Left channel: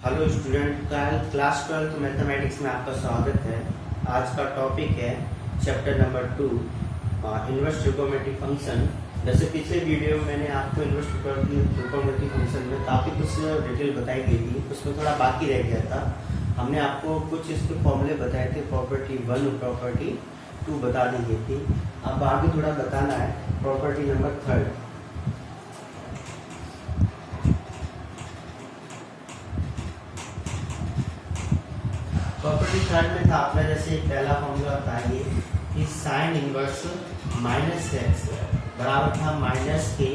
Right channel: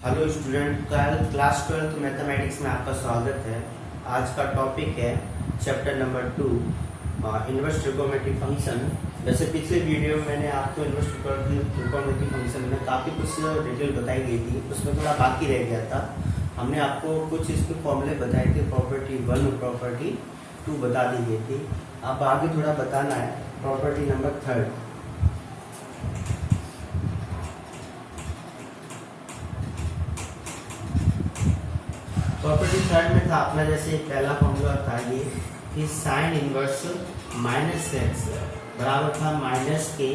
Hello student, class 12 mathematics में आपका स्वागत है। आज का टॉपिक है chapter number 2 inverse trigonometric function. जैसे पिछले वीडियो में मैंने आपको इनवर्स ट्रिगोनोमेट्रिक फंक्शन में काफ़ी कुछ डिटेल बताई गई थी, उसमें थोड़ा बाकी रह गया था। हमने आपको कुछ इसके फॉर्मूले बताए थे, प्रॉपर्टी 1 और प्रॉपर्टी 2 बता दी गई थी। अब आगे थोड़ा बताना है प्रॉपर्टी नंबर 3। प्रॉपर्टी 3 में था अपना, जैसे पहला फॉर्मूला था ये कि साइन इनवर्स माइनस एक्स बराबर था माइनस के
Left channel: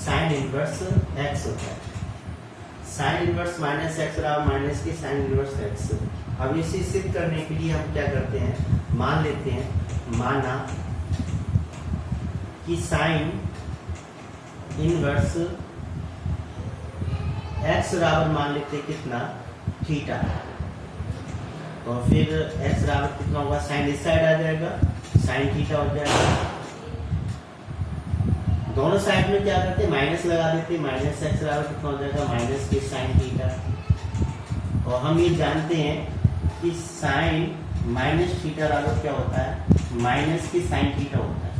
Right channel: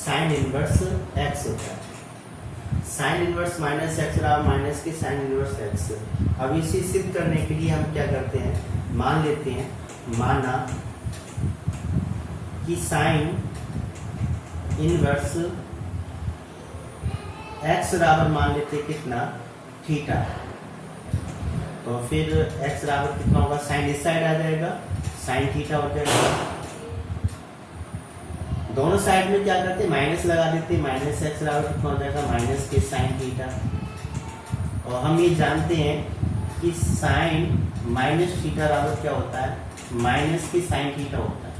साइन इनवर्स एक्स होता है। साइन इनवर्स माइनस एक्स बराबर माइनस के साइन इनवर्स एक्स। अब इसे सिद्ध करने के लिए हम क्या करते हैं, मान लेते हैं, माना कि साइन इनवर्स एक्स बराबर मान लेते हैं कितना, थीटा। तो फिर x बराबर कितना होगा, साइन इस साइड आ जाएगा, साइन थीटा हो जाएगा। दोनों साइड में क्या करते हैं, माइनस लगा देते हैं। माइनस एक्स बराबर कितना हो जाएगा, माइनस के साइन थीटा। और हम ये जानते हैं कि साइन माइनस थीटा बराबर क्या होता है, माइनस के साइन थीटा होता है।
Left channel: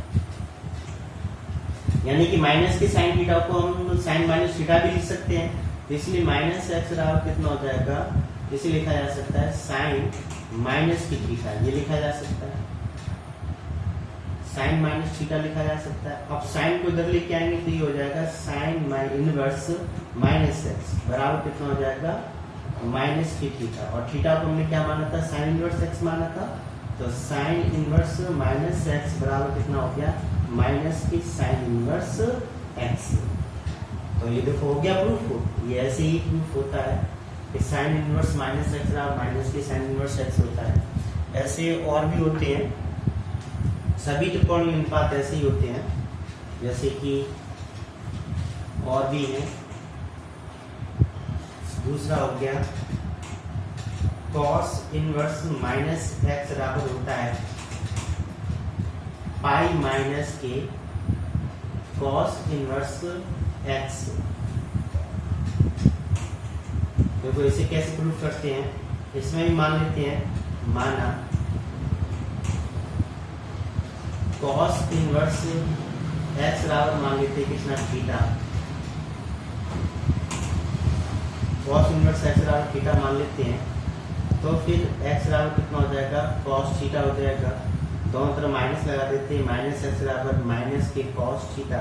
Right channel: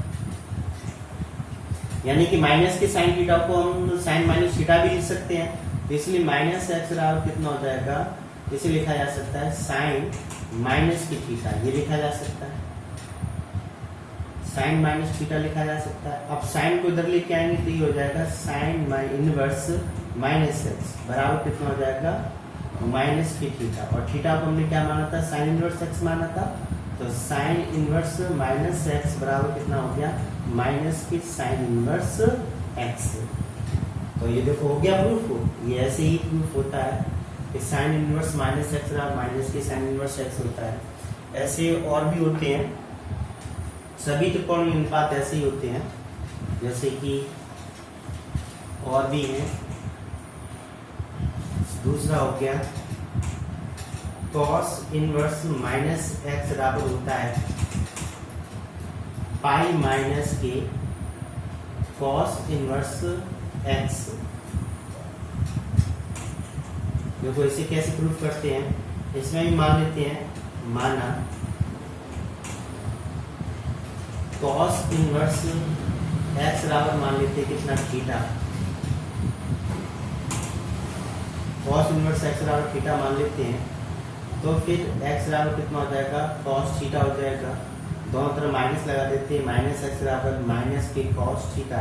यानी कि माइनस के साइन थीटा को हम साइन माइनस थीटा भी लिख सकते हैं। तो इसलिए माइनस एक्स बराबर कितना हो जाएगा, इसे लिखा जा सकता है साइन माइनस की थीटा, ये लिखा जा सकता है, साइन माइनस थीटा लिखा जा सकता है। अब साइन को इधर लेके आएंगे तो ये हो जाएगा साइन इनवर्स माइनस एक्स बराबर कितना हो जाएगा, माइनस की थीटा। और थीटा को हमने क्या माना था, साइन इनवर्स एक्स माना था। तो साइन इनवर्स माइनस एक्स बराबर कितना हो गया, माइनस की साइन इनवर्स एक्स। तो ये देखो हो गया प्रूफ। ये ऐसे ही प्रूफ होता है कि साइन इनवर्स माइनस एक्स बराबर माइनस के साइन इनवर्स एक्स होता है। ऐसे और भी होते हैं, सभी त्रिकोणीय अनुपात ऐसे ही होते हैं। जैसे कि और भी है, दूसरा हो गया cos इनवर्स माइनस एक्स बराबर होता है पाई माइनस के cos इनवर्स एक्स। देखो इसे कैसे प्रूफ करते हैं, इसमें भी मान लेते हैं, माना cos इनवर्स एक्स बराबर मान लेते हैं कितना, थीटा। cos इनवर्स एक्स बराबर थीटा मान लेते हैं। तो फिर एक्स बराबर कितना हो जाएगा, cos थीटा हो जाएगा। दोनों तरफ माइनस लगा देते हैं, माइनस एक्स बराबर माइनस के cos थीटा।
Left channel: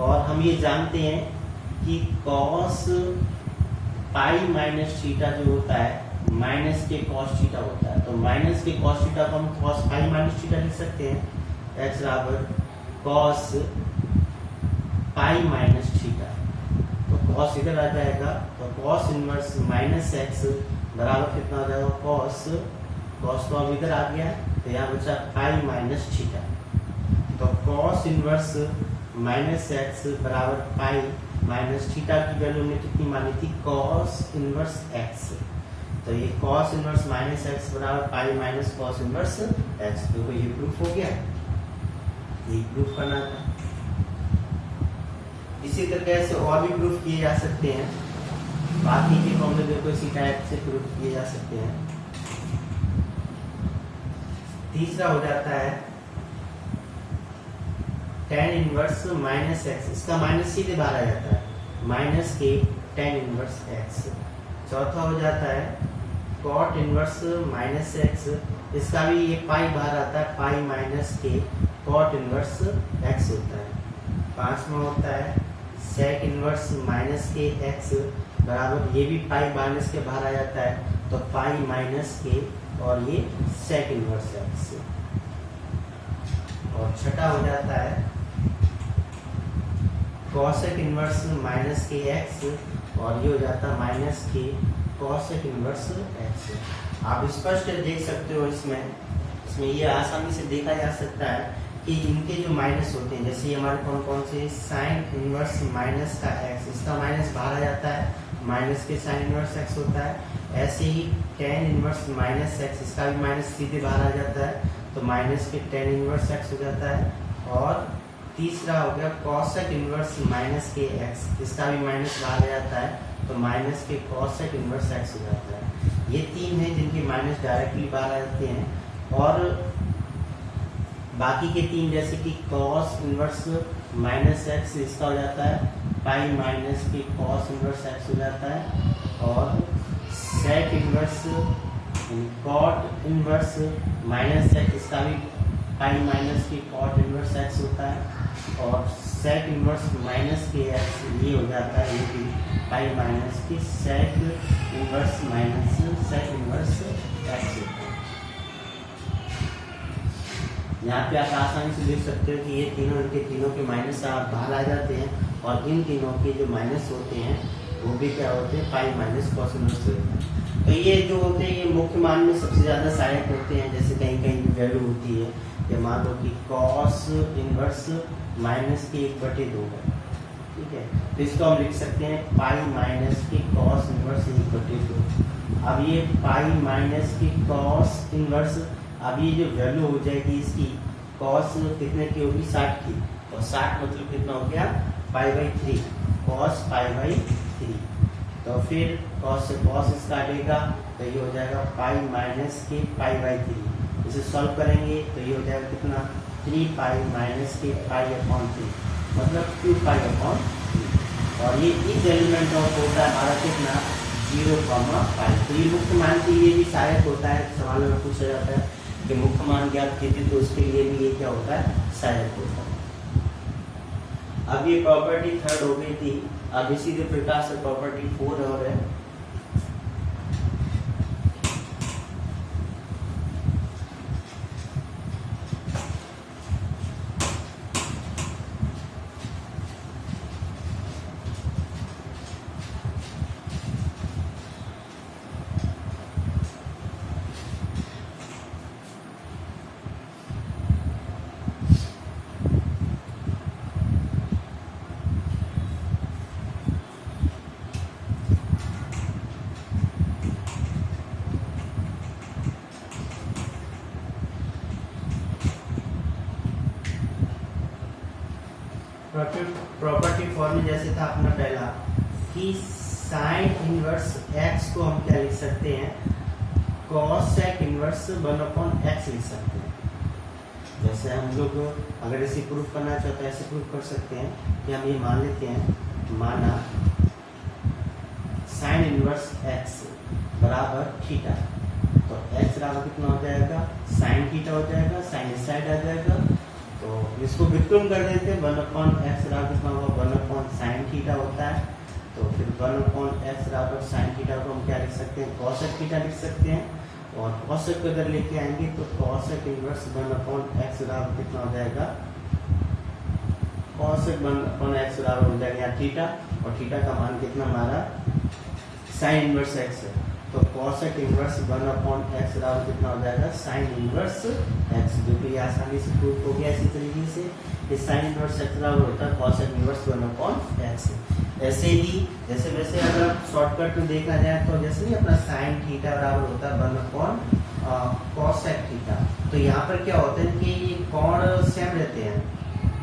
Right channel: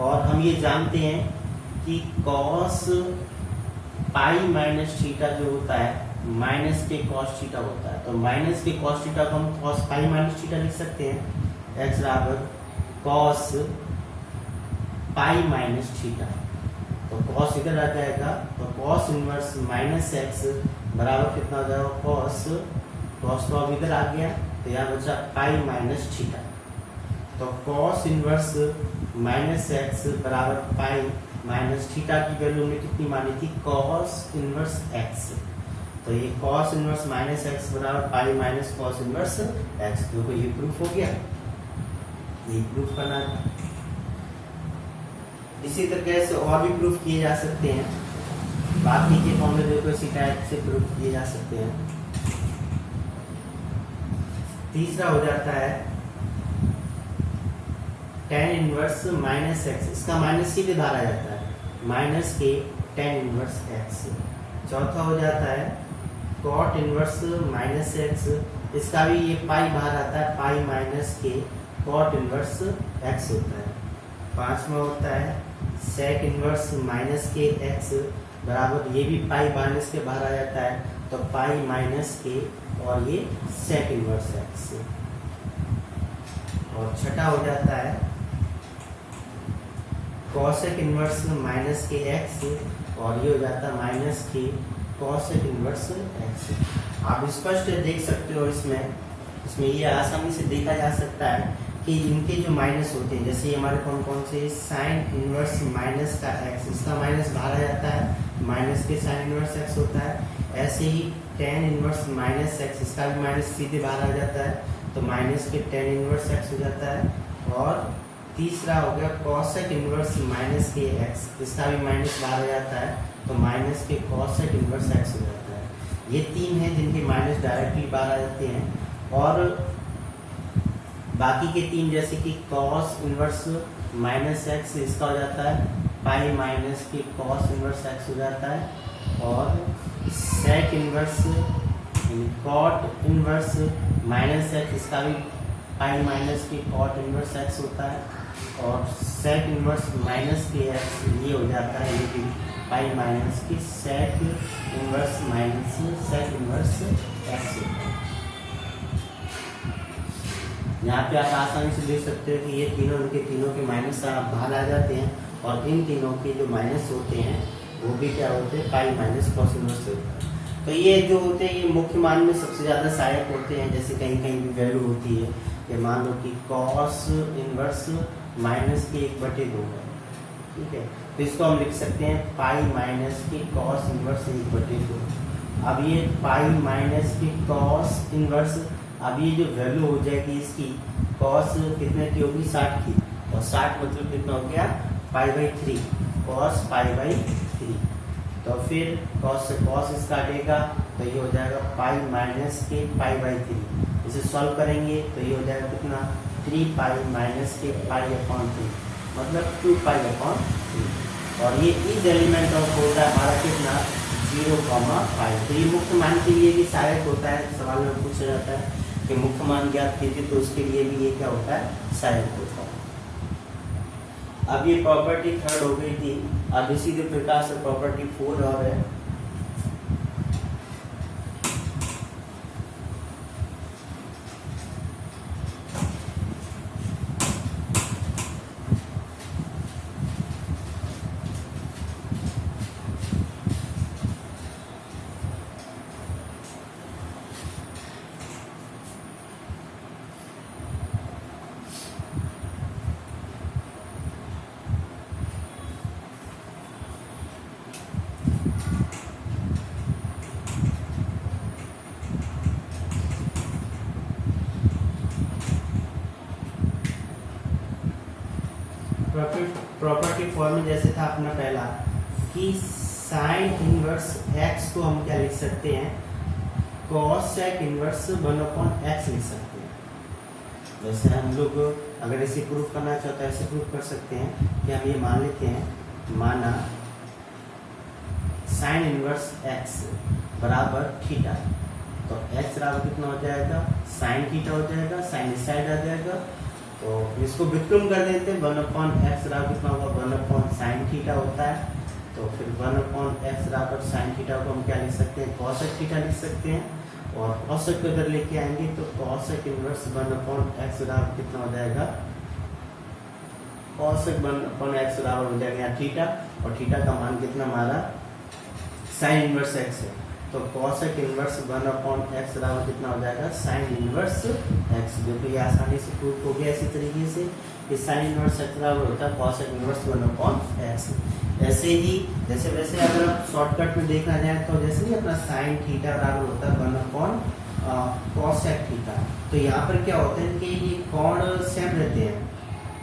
और हम ये जानते हैं कि cos पाई माइनस थीटा जो होता है माइनस के cos थीटा होता है। तो माइनस के cos थीटा को हम cos पाई माइनस थीटा लिख सकते हैं, x बराबर cos पाई माइनस थीटा। तो cos इधर आ जाएगा, तो cos इनवर्स माइनस एक्स बराबर कितना हो जाएगा, cos तो अब इधर आ गया, तो यहाँ बचा पाई माइनस थीटा। तो cos इनवर्स माइनस एक्स बराबर पाई माइनस थीटा की वैल्यू हमने कितनी मानी थी, cos इनवर्स एक्स। तो ये cos इनवर्स माइनस एक्स बराबर pi minus cos inverse x. देखो ये प्रूफ हो गया, ये प्रूफ करना था। इसी तरीके से और भी प्रूफ किए जा सकते हैं। बाकी के फॉर्मूले देखो इसी टाइप से प्रूफ किए जा सकते हैं। तीसरा हो जाता है tan इनवर्स माइनस एक्स, इसका माइनस सीधे बाहर आ जाता है, माइनस के tan इनवर्स एक्स। चौथा हो जाता है cot इनवर्स माइनस एक्स, इसका भी ये पाई बाहर आता है, पाई माइनस के cot इनवर्स एक्स होता है। पांचवा होता है sec इनवर्स माइनस के एक्स बराबर, ये भी पाई माइनस के बाहर आ जाता है, तो पाई माइनस के और ये sec इनवर्स एक्स। और छठा हो जाता है cosec इनवर्स माइनस के एक्स, और ये हो जाता है माइनस के cosec इनवर्स एक्स। आप स्पष्ट देख सकते हो, इसमें ये आसानी से देखा जा सकता है कि इनके जो माइनस होते हैं, जैसे हमारे कौन कौन से, साइन इनवर्स माइनस का एक्स, इसका माइनस बाहर आ जाता है, माइनस के साइन इनवर्स एक्स होता है। ऐसे ही tan इनवर्स माइनस एक्स, इसका भी माइनस सीधे बाहर आ जाता है, तो माइनस के tan इनवर्स एक्स हो जाता है। और तीसरा हो गया cosec इनवर्स माइनस के एक्स, इसका भी माइनस बाहर आ जाता है, तो माइनस के कॉसेक इनवर्स एक्स हो जाता है। ये तीन है जिनके माइनस डायरेक्टली बाहर आ जाते हैं, और बाकी के तीन जैसे कि कॉस इनवर्स माइनस एक्स इसका हो जाता है पाई माइनस के कॉस इनवर्स एक्स हो जाता है, और sec inverse cot inverse minus x इसका भी पाई माइनस के कॉट इनवर्स एक्स होता है, और सेक इनवर्स माइनस के एक्स ये हो जाता है ये भी पाई माइनस की sec inverse minus sec inverse x होता है। यहाँ पे आप आसानी से देख सकते हो कि ये तीनों इनके तीनों के माइनस बाहर आ जाते हैं, और इन तीनों के जो माइनस होते हैं वो भी क्या होते हैं पाई माइनस कॉस इनवर्स होते हैं। तो ये जो होते हैं ये मुख्य मान में सबसे ज्यादा सहायक होते हैं, जैसे कहीं कहीं भी वैल्यू होती है, ये मान लो कि कॉस इनवर्स माइनस की 1/2 है, ठीक है, तो इसको हम लिख सकते हैं पाई माइनस की कॉस इनवर्स 1/2। अब ये पाई माइनस की कॉस इनवर्स, अब ये जो वैल्यू हो जाएगी इसकी कॉस कितने की होगी 60 की, और 60 मतलब कितना हो गया π/3 कॉस π/3। तो फिर कॉस से कॉस इसका हटेगा तो ये हो जाएगा पाई माइनस के π/3। इसे सॉल्व करेंगे तो ये हो जाएगा कितना 3 पाई माइनस के π/3 मतलब 2π/3, और ये इस एलिमेंट ऑफ होता है हमारा कितना 0,5। तो ये मुख्य मान के लिए भी सहायक होता है, सवाल में पूछा जाता है कि मुख्य मान ज्ञात कीजिए, तो उसके लिए भी ये क्या होता है सहायक होता है। अब ये प्रॉपर्टी 3 हो गई थी, अब इसी के प्रकार से प्रॉपर्टी 4 और है। प्रॉपर्टी 4 में जैसे था अपना पहला कि साइन इनवर्स एक्स को हम क्या लिख सकते हैं कॉस सेक इनवर्स 1/x लिख सकते हैं। जैसे हम लोग अगर इसे प्रूफ करना चाहते हैं ऐसे प्रूफ कर सकते हैं कि हम ये मान लेते हैं, माना साइन इनवर्स एक्स बराबर थीटा, तो एक्स बराबर कितना हो जाएगा साइन थीटा हो जाएगा, साइन इस साइड आ जाएगा, तो इसको व्युत्क्रम कर देते हैं 1/x बराबर कितना होगा 1/sin थीटा होता है, तो फिर 1/x बराबर sin थीटा को हम क्या लिख सकते हैं cosec थीटा लिख सकते हैं, और cosec को अगर लेके आएंगे तो cosec इनवर्स 1/x बराबर कितना हो जाएगा cosec 1/x बराबर हो जाएगा यहाँ थीटा, और थीटा का मान कितना हमारा sin इनवर्स x है, तो cosec इनवर्स 1/x बराबर कितना हो जाएगा sin इनवर्स x, जो कि आसानी से प्रूफ हो गया इसी तरीके से कि sin इनवर्स x बराबर होता है cosec इनवर्स 1/x। ऐसे ही जैसे वैसे अगर आप शॉर्टकट में देखा जाए तो जैसे नहीं अपना sin थीटा बराबर होता है 1/cosec थीटा, तो यहाँ पर क्या होता है कि ये कोण सेम रहते हैं,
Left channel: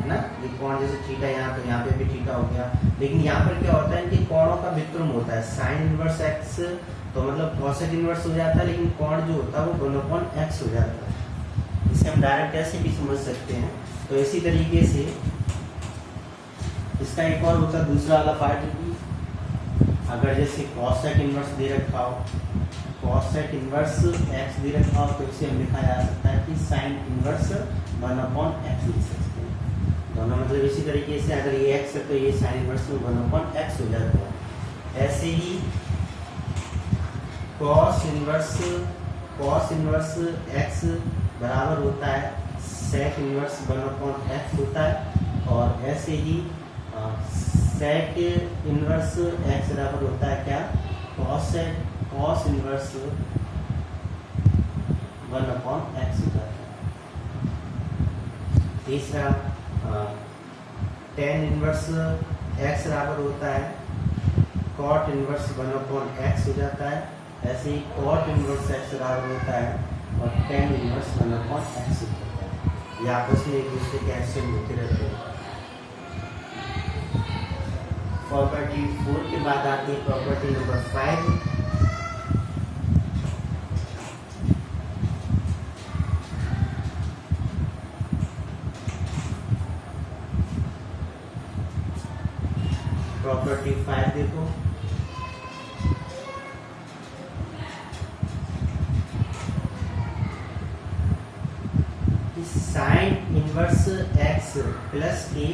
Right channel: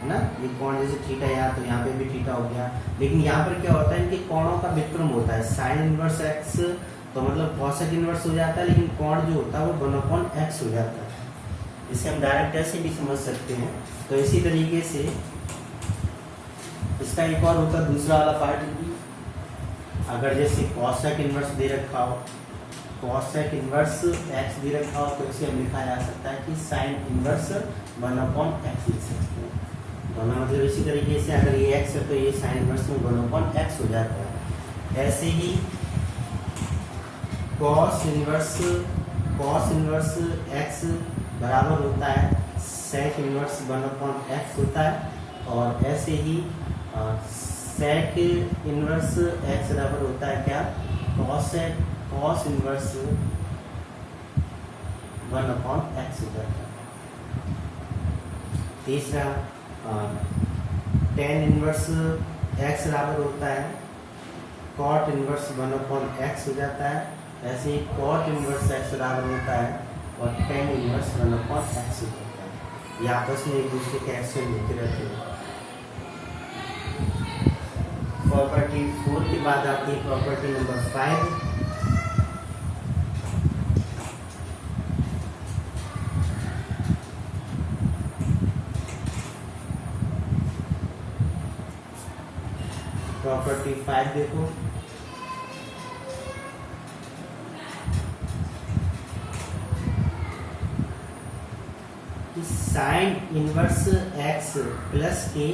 है ना, ये कोण जैसे थीटा यहाँ तो यहाँ पे भी थीटा हो गया, लेकिन यहाँ पर क्या होता है कि कोणों का व्युत्क्रम होता है sin इनवर्स x तो मतलब cosec इनवर्स हो जाता है, लेकिन कोण जो होता है वो 1/x हो जाता है। इसे हम डायरेक्ट ऐसे भी समझ सकते हैं। तो इसी तरीके से इसका एक और होता है दूसरा वाला पार्ट भी, अगर जैसे cosec इनवर्स दे रखा हो, cosec इनवर्स x दे रखा हो, तो इसे हम लिखा जा सकता है कि sin इनवर्स 1/x लिख सकते हैं। दोनों मतलब इसी तरीके से अगर ये x है तो ये sin इनवर्स में 1/x हो जाता है। ऐसे ही cos इनवर्स x बराबर होता है sec इनवर्स 1/x होता है, और ऐसे ही sec इनवर्स x बराबर होता है क्या cos इनवर्स 1/x होता है। तीसरा tan इनवर्स x बराबर होता है cot इनवर्स 1/x हो जाता है, ऐसे ही cot इनवर्स x बराबर होता है और tan इनवर्स 1/x होता है। ये आपस में एक दूसरे के एक्शन होते रहते हैं। प्रॉपर्टी 4 के बाद आती है प्रॉपर्टी नंबर 5। प्रॉपर्टी 5 देखो, साइन इनवर्स एक्स प्लस के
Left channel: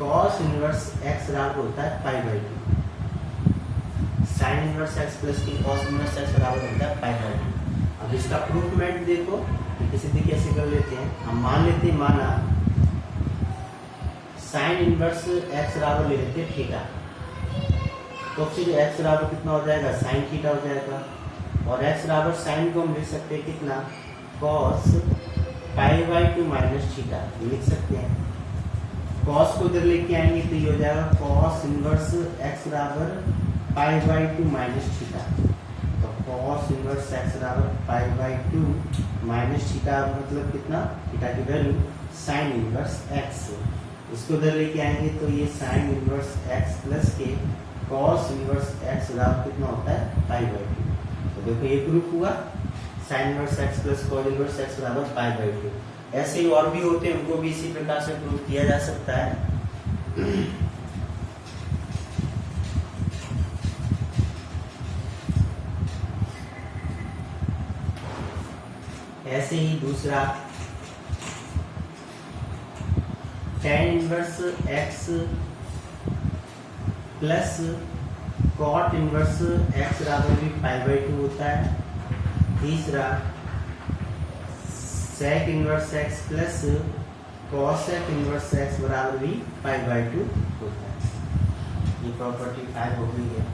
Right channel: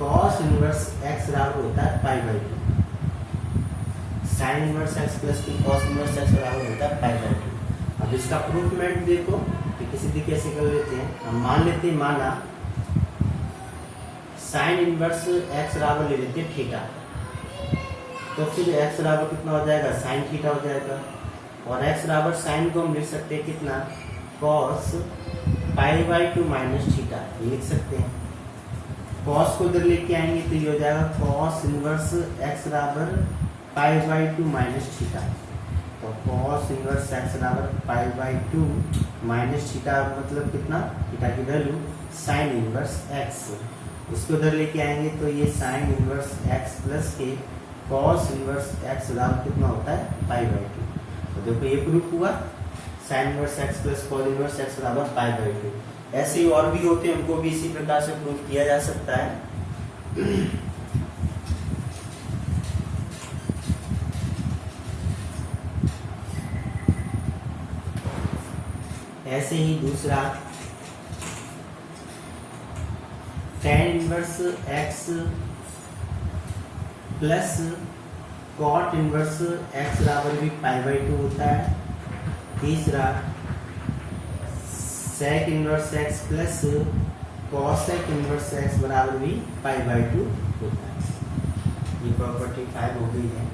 कॉस इनवर्स एक्स बराबर होता है पाई by 2। Sign inverse x plus के कॉस इनवर्स एक्स बराबर होता है पाई बाई 2। अब इसका प्रूफमेंट देखो कि किसी कैसे कर लेते हैं। हम मान लेते हैं, माना साइन इनवर्स एक्स बराबर ले लेते हैं थीटा, तो फिर एक्स बराबर कितना हो जाएगा, साइन थीटा हो जाएगा। और एक्स बराबर साइन को हम लिख सकते हैं कितना, cos pi by 2 minus theta, ये लिख सकते हैं। कॉस को इधर लेके आएंगे तो ये हो जाएगा कॉस इनवर्स एक्स बराबर पाई बाई 2 माइनस थीटा। तो कॉस इनवर्स एक्स बराबर पाई बाई 2 माइनस थीटा, मतलब कितना, थीटा की वैल्यू साइन इनवर्स एक्स। इसको इधर लेके आएंगे तो ये साइन इनवर्स एक्स प्लस के कॉस इनवर्स एक्स बराबर कितना होता है, पाई बाई 2। तो देखो ये प्रूफ हुआ, sign inverse x plus cos inverse x बराबर पाई बाई 2। ऐसे ही और भी होते हैं, उनको भी इसी प्रकार से प्रूफ किया जा सकता है। ऐसे ही दूसरा, tan inverse x plus cot inverse x बराबर भी पाई बाई 2 होता है। तीसरा, sec inverse x plus cosec inverse x बराबर भी पाई बाई 2 होता है। ये प्रॉपर्टी 5 हो गई है।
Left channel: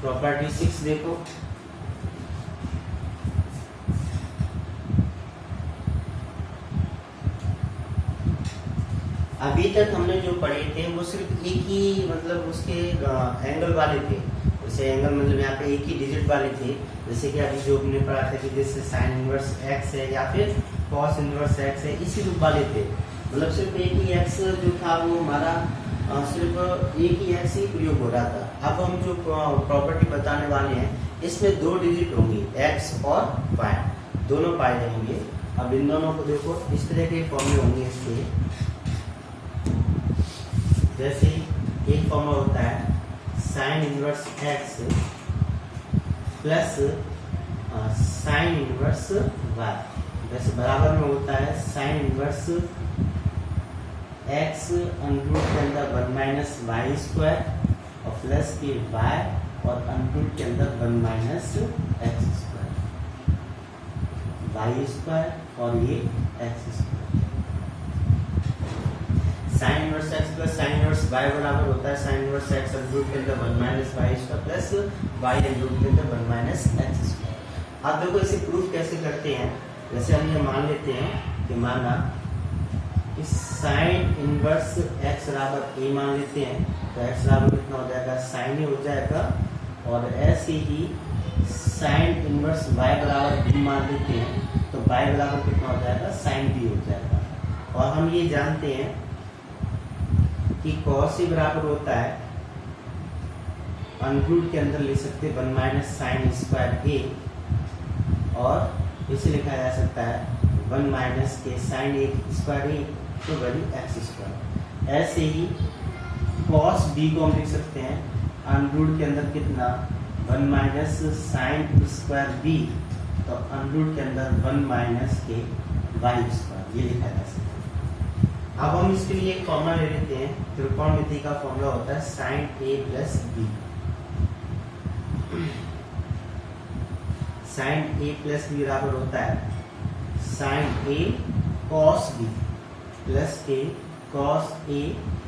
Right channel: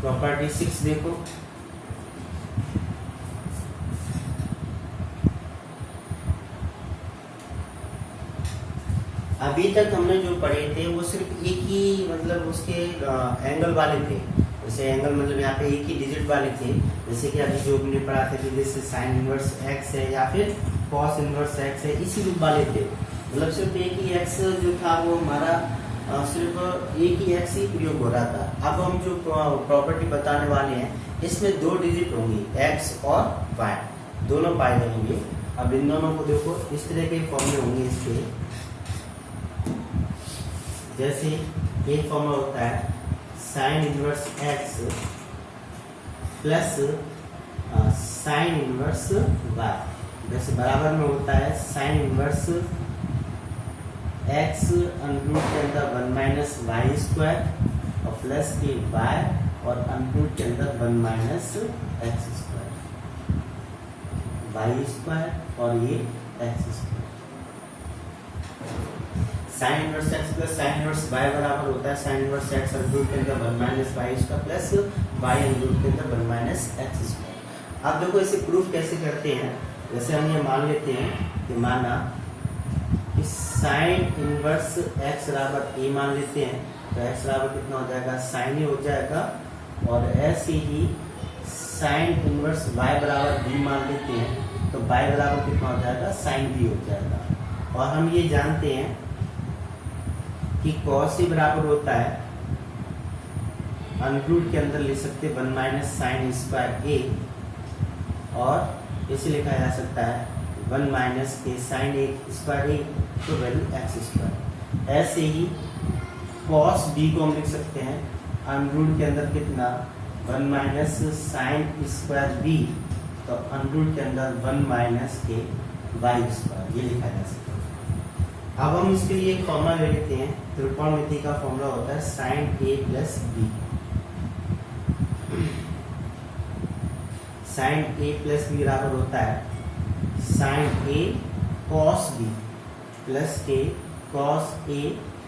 प्रॉपर्टी 6 देखो, अभी तक हमने जो पढ़े थे वो सिर्फ एक ही, मतलब उसके एंगल वाले थे। जैसे एंगल मतलब यहाँ पे एक ही डिजिट वाले थे, जैसे कि अभी जो हमने पढ़ा था कि जैसे साइन इनवर्स एक्स है या फिर कॉस इनवर्स एक्स है, इसी रूप वाले थे। मतलब सिर्फ एक ही एक्स जो था वो हमारा सिर्फ एक ही एक्स ही प्रयोग हो रहा था। अब हम जो प्रॉपर्टी बताने वाले हैं इसमें 2 डिजिट होंगी, एक्स और वाई, दोनों पाए जाएंगे। अब इन दोनों को देखो, इस तरह के फॉर्मूले होंगे इसके। जैसे एक फॉर्मूला होता है sine inverse x plus sine inverse y, जैसे बराबर में होता है साइन इनवर्स एक्स अंडरूट के अंदर 1 माइनस वाई स्क्वायर और प्लस के वाई और अंडरूट के अंदर 1 minus x square, y square और ये x square. Sine inverse x plus sine inverse y बराबर होता है साइन इनवर्स एक्स अंडरूट के अंदर 1 minus y square plus y under root के अंदर 1 माइनस एक्स स्क्वायर। अब देखो इसे प्रूफ कैसे करते हैं। जैसे हम ये मान लेते हैं कि माना कि साइन इनवर्स एक्स बराबर ए मान लेते हैं, तो एक्स बराबर कितना हो जाएगा, साइन ए हो जाएगा। और ऐसे ही साइन इनवर्स वाई बराबर बी मान लेते हैं, तो वाई बराबर कितना हो जाएगा, साइन बी हो जाएगा। और हम ये जानते हैं कि कॉस ए बराबर होता है, अंडरूट के अंदर ले सकते 1 माइनस साइन स्क्वायर ए, और इसे लिखा जा सकता है 1 माइनस के साइन ए स्क्वायर ए, तो वैल्यू एक्स स्क्वायर। ऐसे ही कॉस बी को हम लिख सकते हैं अंडरूट के अंदर कितना, 1 माइनस साइन स्क्वायर बी, तो अंडरूट के अंदर 1 माइनस के वाई स्क्वायर, ये लिखा जा सकता है। अब हम इसके लिए एक फॉर्मूला ले लेते हैं। त्रिकोणमिति का फॉर्मूला होता है साइन ए प्लस बी। साइन ए प्लस बी बराबर होता है साइन ए कॉस बी प्लस के कॉस ए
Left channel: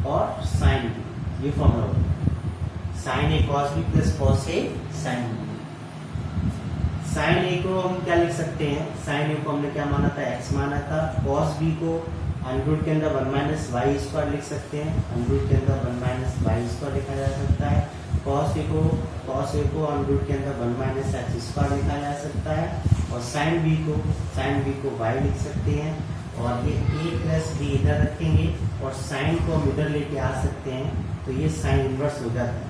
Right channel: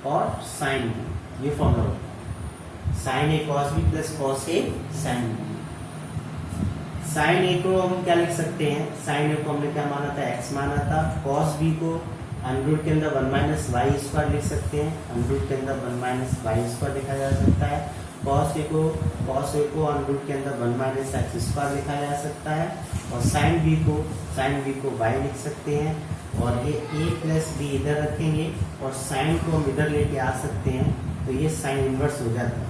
और साइन बी, ये फॉर्मूला होता है sign A cos B plus cos A sine B. Sign ए को हम क्या लिख सकते हैं, साइन ए को हमने क्या माना था, एक्स माना था। कॉस बी को अंडरूट के अंदर 1 माइनस वाई स्क्वायर लिख सकते हैं, अंडरूट के अंदर 1 माइनस वाई स्क्वायर लिखा जा सकता है। कॉस ए को अंडर रूट के अंदर 1 माइनस एक्स स्क्वायर लिखा जा सकता है, और साइन बी को y लिख सकते हैं, और ये a प्लस बी इधर रखेंगे और साइन को हम इधर लेके आ सकते हैं, तो ये साइन इनवर्स हो जाता है।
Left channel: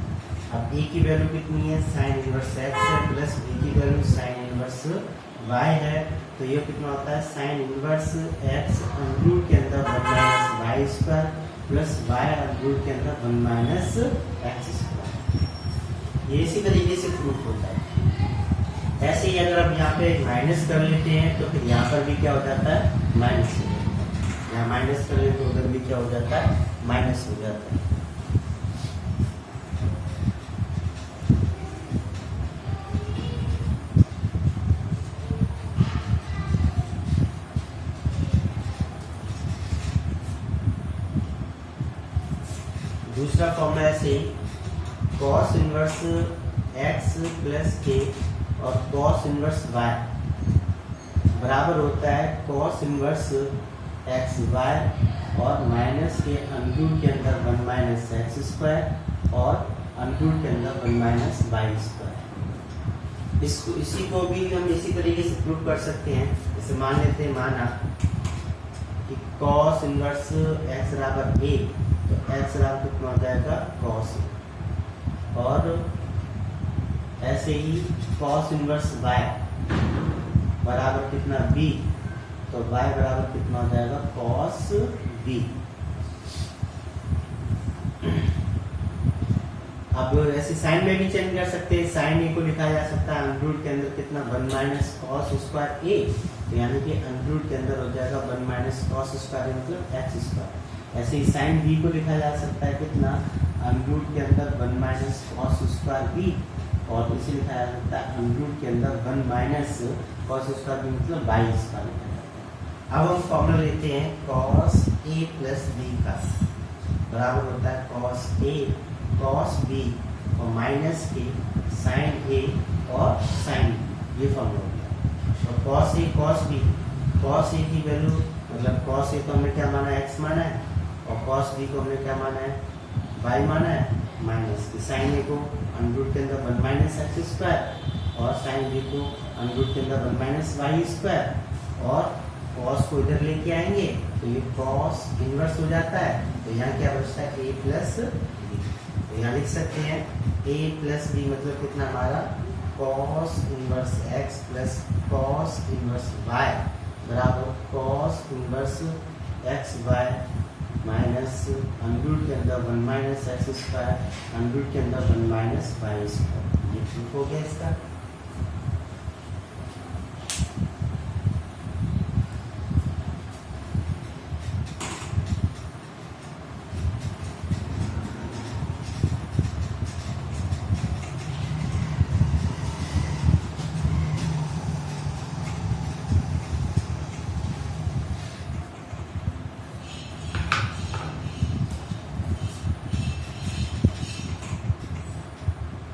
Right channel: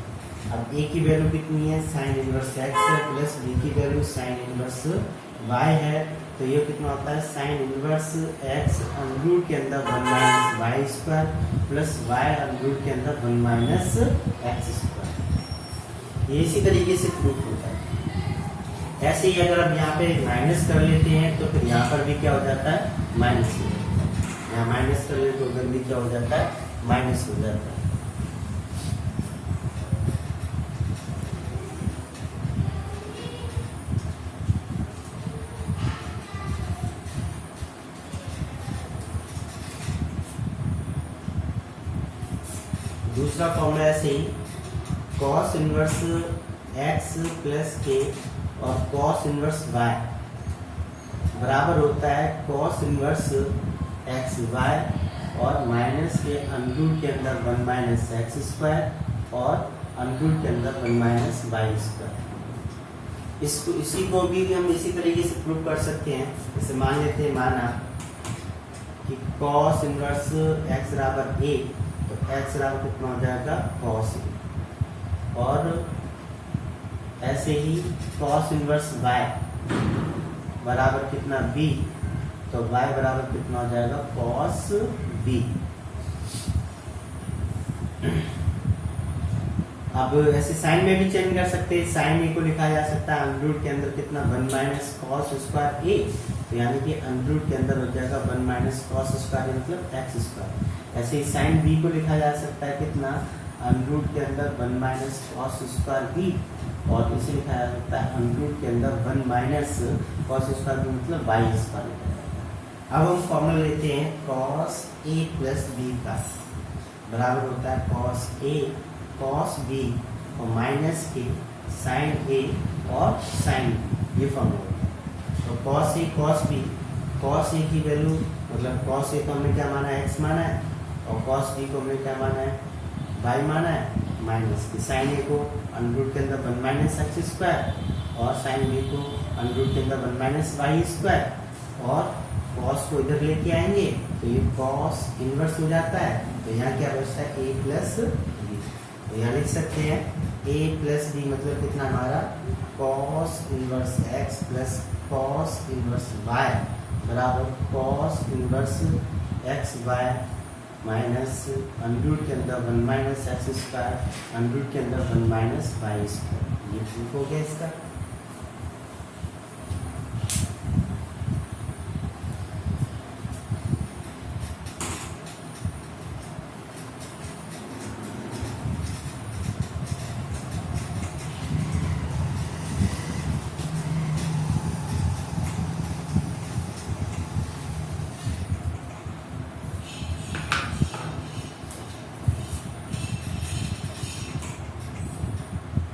अब a की वैल्यू कितनी है, साइन इनवर्स x है, प्लस b की वैल्यू साइन इनवर्स y है, तो ये कितना होता है, sine inverse x under root के अंदर 1 minus y square plus y under root के अंदर 1 माइनस एक्स स्क्वायर। ये इसी तरीके से प्रूफ होता है। ऐसे ही अगर आप यहाँ पे माइनस कर लेते हैं तो फिर यहाँ पर भी क्या हो जाता है, माइनस हो जाता है। यहाँ माइनस कर लेते तो उधर भी क्या हो जाता है, माइनस हो जाता है। दूसरा फॉर्मूला ऐसे ही, कॉस इनवर्स x प्लस के और कॉस इनवर्स y बराबर होता है कॉस इनवर्स एक्स वाई और माइनस के अंडर रूट के अंदर 1 माइनस एक्स स्क्वायर और अंडर रूट के अंदर 1 माइनस वाई स्क्वायर। इसी को भी हम इसी तरीके से प्रूव कर सकते हैं। जैसे मान लेते हैं, माना कि कॉस इनवर्स x बराबर a, तो x बराबर कितना हो जाएगा, कॉस ए, और ऐसे ही कॉस इनवर्स y बराबर कितना b, तो y बराबर कितना हो जाएगा, कॉस b। अब ऐसे साइन में भी चेंज कर सकते हैं। साइन ए को लिखा जा सकता है अंडर रूट के अंदर कितना, 1 माइनस कॉस स्क्वायर ए, तो यानी कि अंडर रूट के अंदर हो जाएगा 1 माइनस कॉस स्क्वायर मतलब एक्स स्क्वायर। ऐसे ही साइन बी को लिखा जा सकता है कितना, अंडर रूट के अंदर 1 माइनस कॉस स्क्वायर बी, और इसे लिखा जा सकता है अंडर रूट के अंदर 1 माइनस कॉस स्क्वायर बी मतलब वाई स्क्वायर। अब हम फॉर्मूला लेते हैं कॉस ए प्लस बी का, बराबर होता है कॉस ए कॉस बी और माइनस के साइन ए और साइन बी, ये फॉर्मूला होता है। तो कॉस ए की वैल्यू मतलब कॉस ए को हमने क्या माना है, x माना है, और कॉस बी को हमने क्या माना है, y माना है, माइनस के साइन ए को अंडर रूट के अंदर 1 माइनस एक्स स्क्वायर और साइन बी को अंडर रूट के अंदर 1 माइनस वाई स्क्वायर, और कॉस को इधर लेके आएंगे तो ये कॉस इनवर्स हो जाता है। तो यहाँ क्या बचता है, a प्लस बी, तो यहाँ लिख सकते हैं a प्लस बी मतलब कितना हमारा, cos inverse x plus cos inverse y बराबर cos inverse x y minus under root के अंदर 1 minus x square under root के अंदर 1 माइनस वाई स्क्वायर। ये प्रूफ हो गया इसका।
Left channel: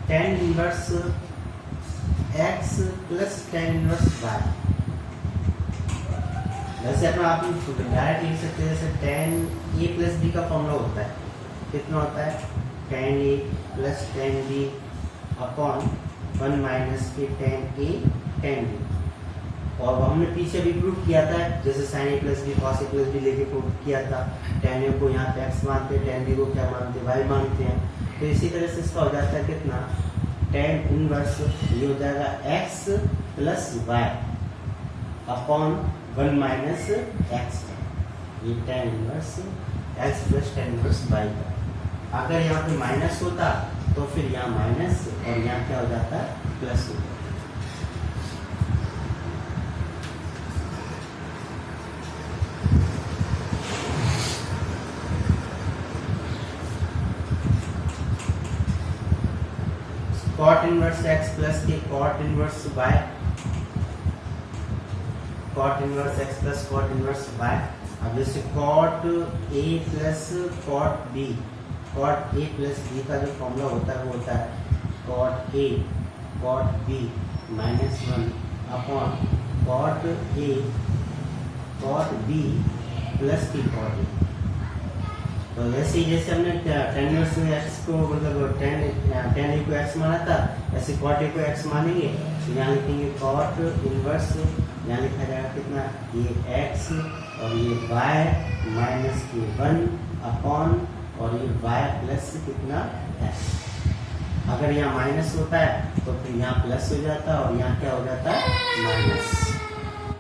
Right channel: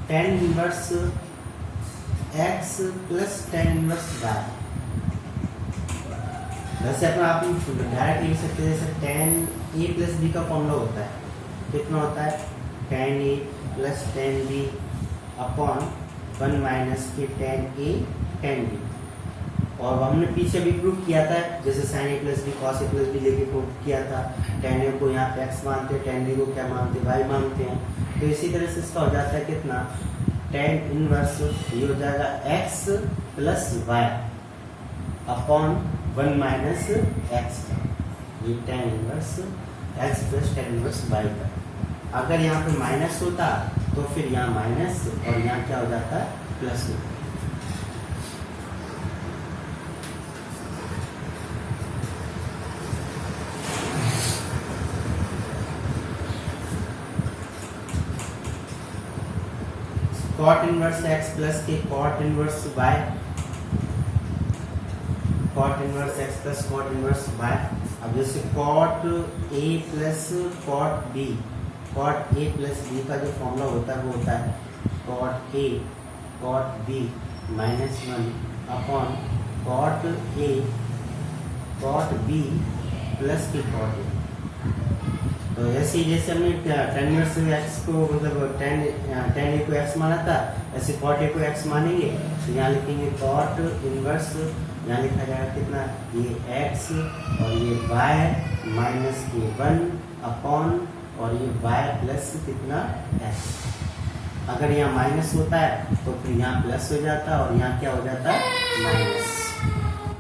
tan inverse x plus tan inverse y, वैसे अपना आप डायरेक्ट लिख सकते हैं। जैसे tan a प्लस b का फॉर्मूला होता है, कितना होता है, tan a plus tan b upon 1 minus के tan a tan b, और हमने पीछे भी प्रूफ किया था, जैसे sin a plus b cos a plus b लेके प्रूफ किया था। tan a को यहाँ पे x मानते हैं, tan b को क्या मानते हैं, y मानते हैं। तो इसी तरह से इसका हो जाता है कितना, tan इनवर्स ये हो जाएगा x plus y upon 1 minus x, ये tan inverse x plus tan inverse y का। अगर यहाँ पे माइनस होता तो फिर यहाँ माइनस और यहाँ क्या हो जाता है, प्लस होता है। कॉट इनवर्स x प्लस के cot inverse y, cot inverse x plus cot inverse y। अब जैसे cot a plus cot b, cot a plus b का जो फॉर्मूला होता है वो होता है कॉट a कॉट b माइनस 1 upon cot a cot b plus की कॉट a। तो ऐसे ही जैसे हमने tan इनवर्स एक्स को मतलब tan ए को एक्स माना था, ऐसे cot ए को एक्स मानेंगे। तो यहाँ लिखेंगे cot इनवर्स, यहाँ लिखा जाएगा कितना, ये एक्स और ये y माइनस के 1 अपॉन और ये y प्लस कितना एक्स। अगर यहाँ माइनस होता है तो फिर यहाँ प्लस हो जाता है और यहाँ क्या हो जाता है, माइनस।